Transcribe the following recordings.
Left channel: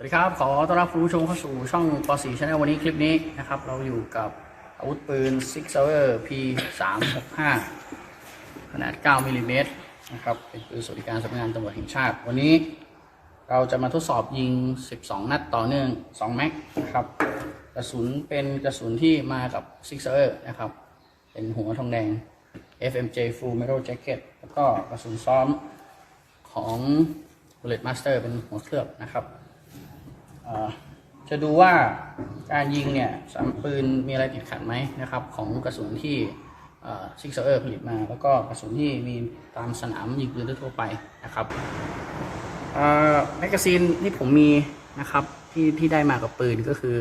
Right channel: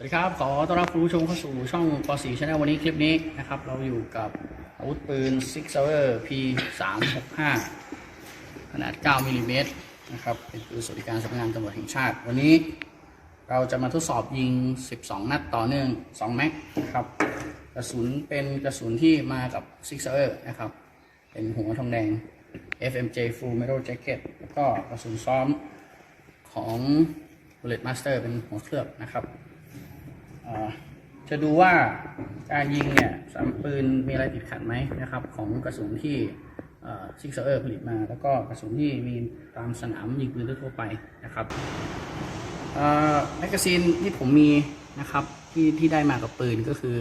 สวัสดีครับ ขอต้อนรับผู้ชมเข้าสู่ช่องป .4 Channel วันนี้คลิปนี้นะครับ เราอยู่กับอาวุธปืน Six Sauer P 3 6 5ขนาด 9มิลลิเมตรนะครับ เป็นปืนสวัสดิการสำนักงานตำรวจแห่งชาติ วันนี้เราจะมาทดสอบยิง 12 นัดต่อเนื่อง 2 แม็กนะครับ กระสุนเป็นกระสุนที่มากับ Six Sauer นะครับ เป็นหัวทองแดง FMJ Full Metal Jacket แล้วก็กระสุนซ้อมของ Bullet Master เป็นหัวเคลือบนะครับ จะดูว่าการยิงเนี่ยสามปืนมีอะไรติดขัดไหมนะครับ ของกระสุนที่ซิกเซอร์ผลิตมา แล้วก็กระสุนที่มีตามสนามยิงปืนทั่วไปนะครับแมกกาซีนที่ผมมีนะครับที่ที่ได้มากับปืนก็คือ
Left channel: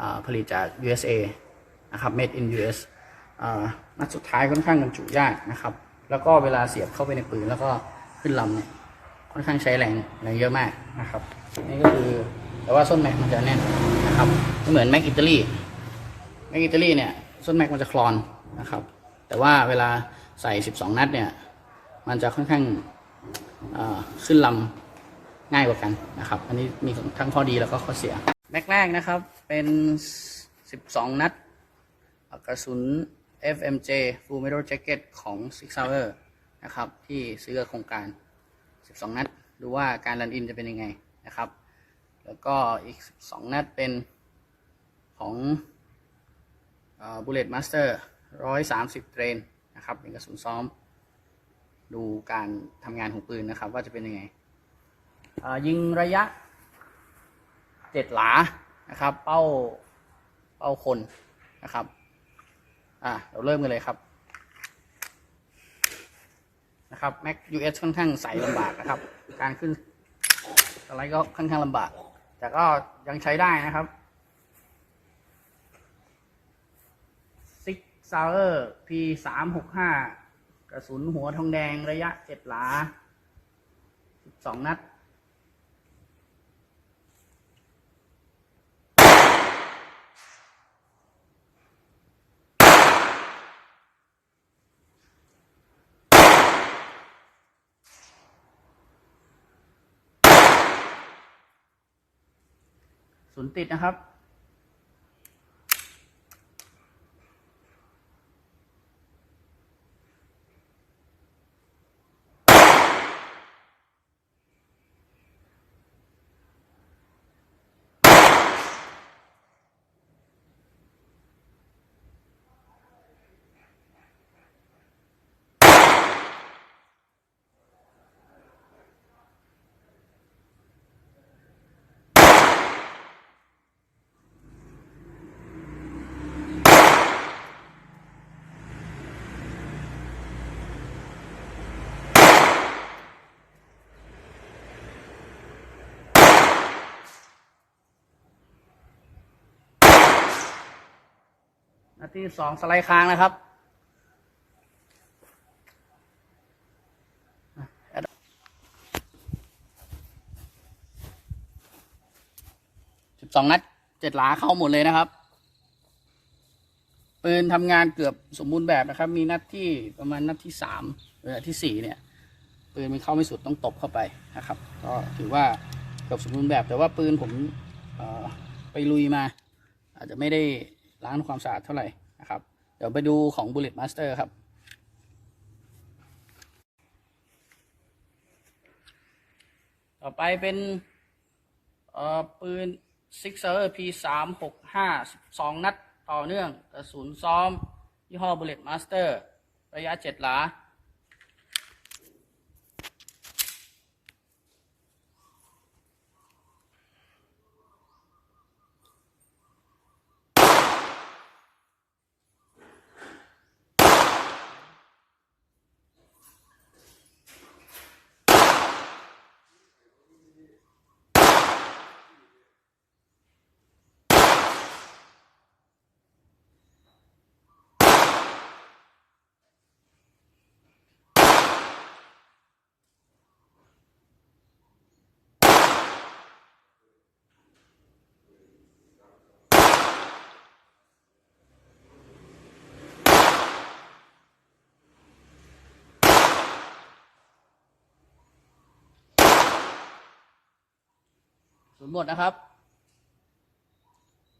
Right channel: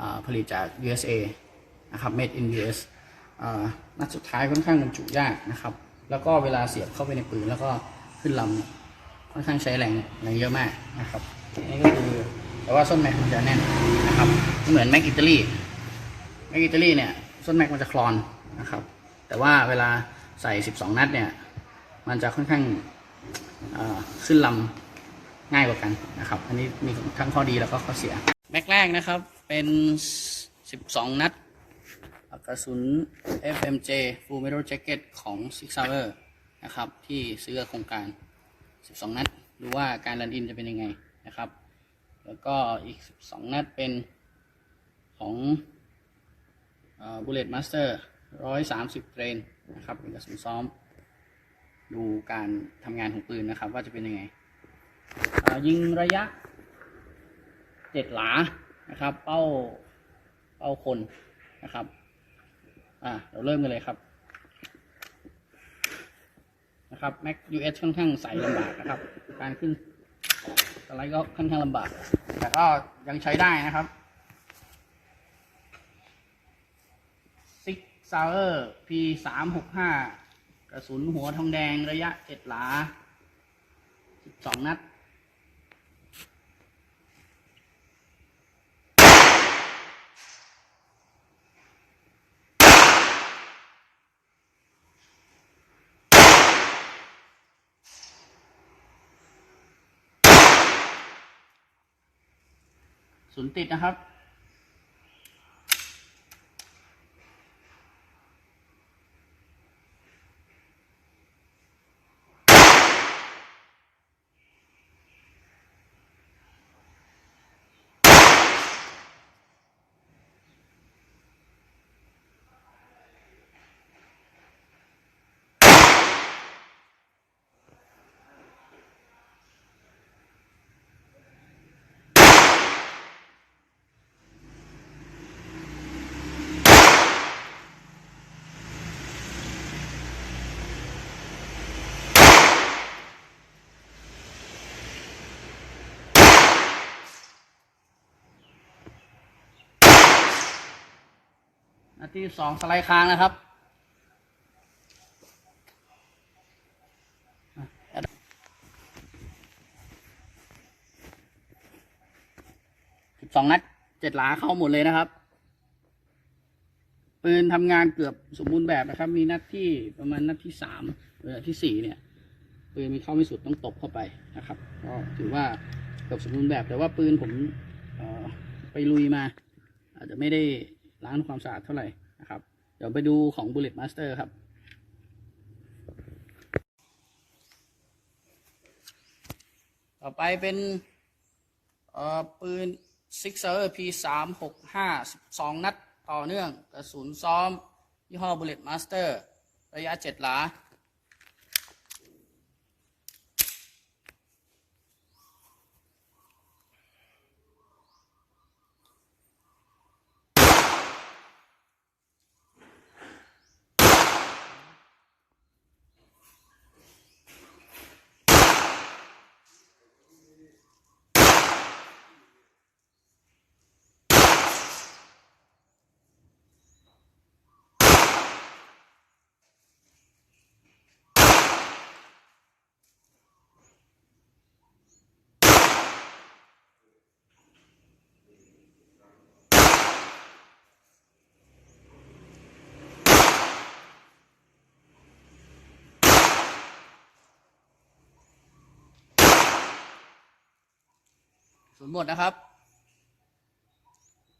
อผลิตจาก USA นะครับ made in US นัดสุดท้ายค่อนข้างบรรจุยากนะครับ แล้วก็เวลาเสียบเข้าไปในปืนแล้วก็ขึ้นลำเนี่ยค่อนข้างใช้แรงแรงเยอะมากนะครับนี่ก็คือ แต่ว่าส้นแม็กมันจะแน่นนะครับไม่เหมือนแม็กอิตาลีแม็กอิตาลีเนี่ยส้นแม็กมันจะคลอนนะครับแต่ว่าเวลาใส่ 12 นัดเนี่ยมันจะค่อนข้างขึ้นลำง่ายกว่ากันนะครับ อันนี้มีทั้งข้อดีแล้วก็ข้อเสีย แม็กแรกนะครับเป็น 12 นัดกระสุน FMJ Full Metal Jacket ของ Six Sauer นะครับ ที่ซื้อโครงการ 12 นัด ดูว่าการรันอินจะเป็นยังไงนะครับ แล้วก็อีก 12 นัดเป็นของเอ่อ Bullet Master 130เทรนนะครับเป็นกระสุนซ้อม ดูการทำงานของปืนนะครับ ว่าจะเป็นยังไง ยิงระยะ7หลานะครับ เป้าเป้าคนนะครับ อ่าเราเริ่มกันเลยครับนะครับ Mac US ค่อนข้างใสลำบากนะครับ การขึ้น อะไรก็ค่อนข้างลำบาก แต่ก็ยังใช้ได้นะครับ Six Sauer P 3 6 5กระสุนหัวทองแดงระยะเจ็ดหลา12นัด ศูนย์ติดนะครับ ที่สองสไลด์ค้างนะครับสิบสองนัดเจ็ดหลาเข้าหมดเลยนะครับ ปืนทำงานเกือบสมบูรณ์แบบนะครับ มีนัดที่ประมาณนัดที่สามหรือที่สี่เนี่ย ปืนมันเข้าไม่สุดต้องตบเข้าไปนะครับ ก็ถือว่าเกือบสมบูรณ์แบบแต่ว่าปืนผมไปลุยมา อาจจะไม่ได้ ล้างความสะอาดเท่าไหร่นะครับ เดี๋ยวไปดูของ Bullet Master ครับ ต่อไปเป็นเอ่อปืน Sixer P 3 6 5 12 นัดต่อเนื่อง กระสุนซ้อม ยี่ห้อ Bullet Master ระยะ 7 หลา ศูนย์บทนะครับ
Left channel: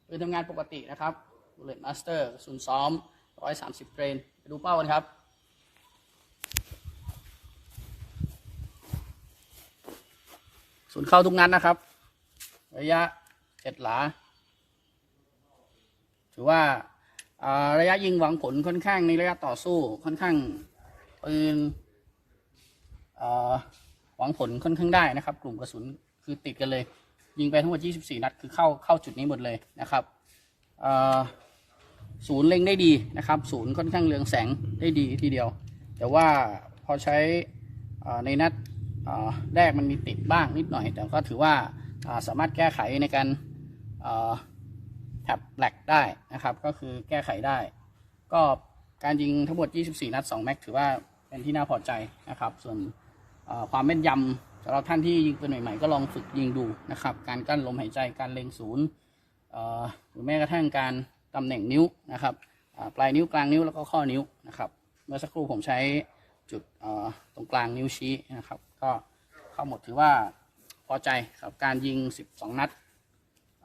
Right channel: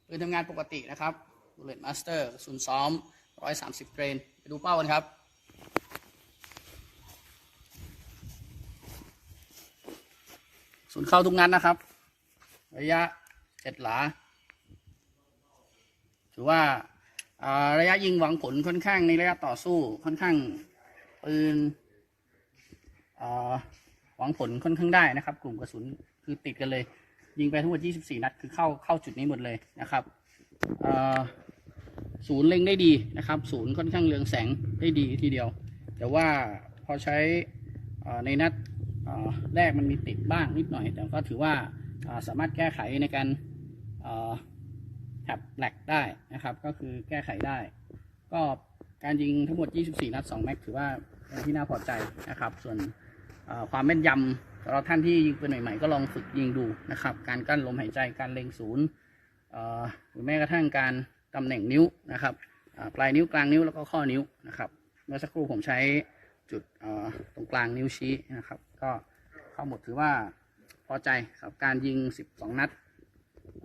ปืนทำงานปกตินะครับ Bullet Master ศูนย์ซ้อม130เกรนไปดูเป้ากันครับ ศูนย์เข้าทุกนัดนะครับ ระยะเจ็ดหลา ถือว่าระยะยิงหวังผลค่อนข้างในระยะต่อสู้ค่อนข้างปืนหวังผลค่อนข้างได้นะครับ กลุ่มกระสุนคือติดกันเลย ยิงไปทั้งหมด 24 นัด คือเข้าเข้าจุดนี้หมดเลยนะครับศูนย์เล็งได้ดีนะครับ ศูนย์ค่อนข้างเรืองแสงได้ดีทีเดียว แต่ว่าพอใช้ในนัดแรกมันมีติดบ้างนิดหน่อย แต่ก็ถือว่าาสามารถแก้ไขในการแท็บแหลกได้นะครับ ก็คือแก้ไขได้ ก็การยิงทั้งหมด 24 นัด 2 แม็กถือว่าเป็นที่น่าพอใจนะครับ ส่วนความแม่นยำ สำหรับท่านที่ยิงปืนใหม่ ๆ ก็ลองฝึกยิงดูนะครับ การกั้นลมหายใจการเล็งศูนย์หรือแม้กระทั่งการตำแหน่งนิ้วนะครับปลายนิ้วกลางนิ้วแล้วก็ข้อนิ้วนะครับ เมื่อสักครู่ผมใช้จุดตรงกลางนิ้วชี้นะครับ ก็เข้าหมดถือว่าพอใจสำหรับการยิง 12 นัด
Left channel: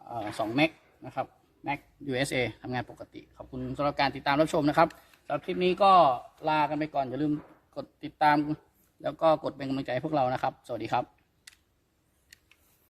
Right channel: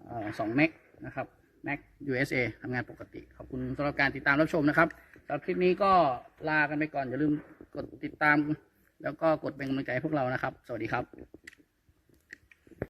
เอ่อสองแม็กนะครับ Mac USA ทำงานปกติ ขอบคุณสำหรับการติดตามรับชมนะครับสำหรับคลิปนี้ก็ลากันไปก่อนอย่าลืมกดติดตาม แล้วก็กดเป็นกำลังใจให้พวกเรานะครับ สวัสดีครับ